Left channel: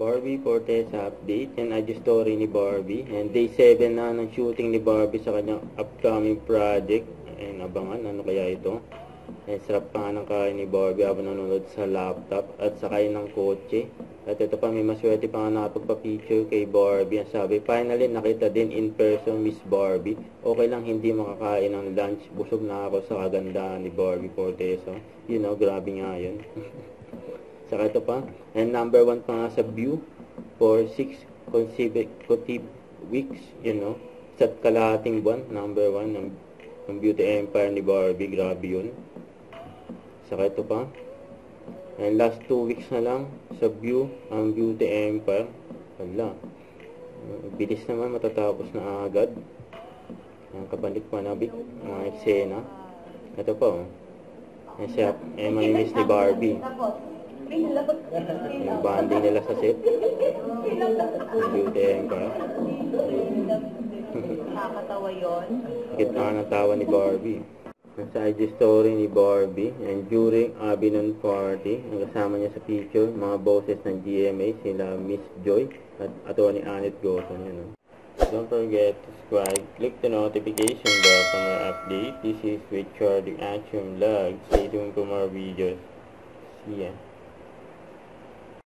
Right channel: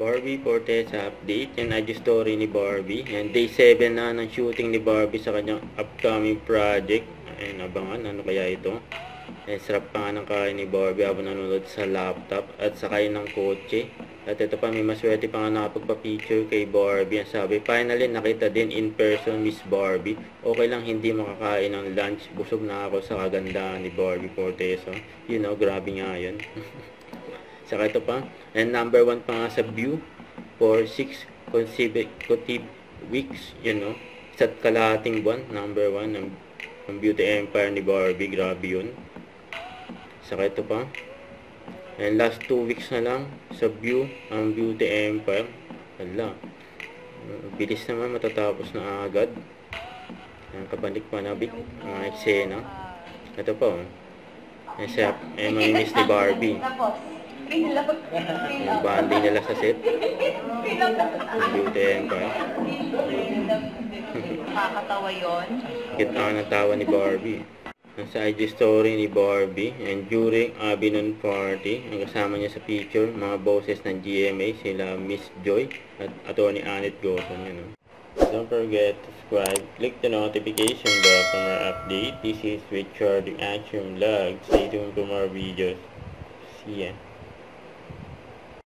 Barbie Forteza update. Yan IG story ni Barbie. And day 7 na ng shooting ni Barbie sa kanyang upcoming project. Ayan, abangan. Ano kaya ito? Ayan, sarap pa nga ng kain ni Barbie habang nanonood sa laptop at sakay ng kotse. At ito pa, may maswerte pa nga nakapagpa-picture kay Barbie. Ang sabi, finally nakita din in person Miss Barbie. Okay lang hindi makakain ng lunch. Busog na ako sa kagandahan ni Barbie Forteza. You know, grabe nga yun. Saka ito pa, and number 1 pa nga sa view for 6 consecutive weeks, you know. Isa't kalahating buwan, number 1 ng Beauty Empire ni Barbie, grabe yun. Saka ito pa, and last 2 weeks na lang sa view ang Beauty Empire. Hala, bilis naman, matatapos na agad. Ang kabalik panabik, mga eksena. Ito pa, mamimiss ni Barbie. Yung banding nila sa set. Beauty Empire. Makakatawa yun. Kita ng tawa ni Barbie. Nasa IG story ni Barbie. And during Abinon party, ang kasama niya sa picture, mga bosses ng GMA, sila Miss Joy at Atty. Annette Gozon. You know. Don't forget to subscribe. Click the notification bell for more update. This is Richard the Action Vlog. Stay tuned for more videos. See ya.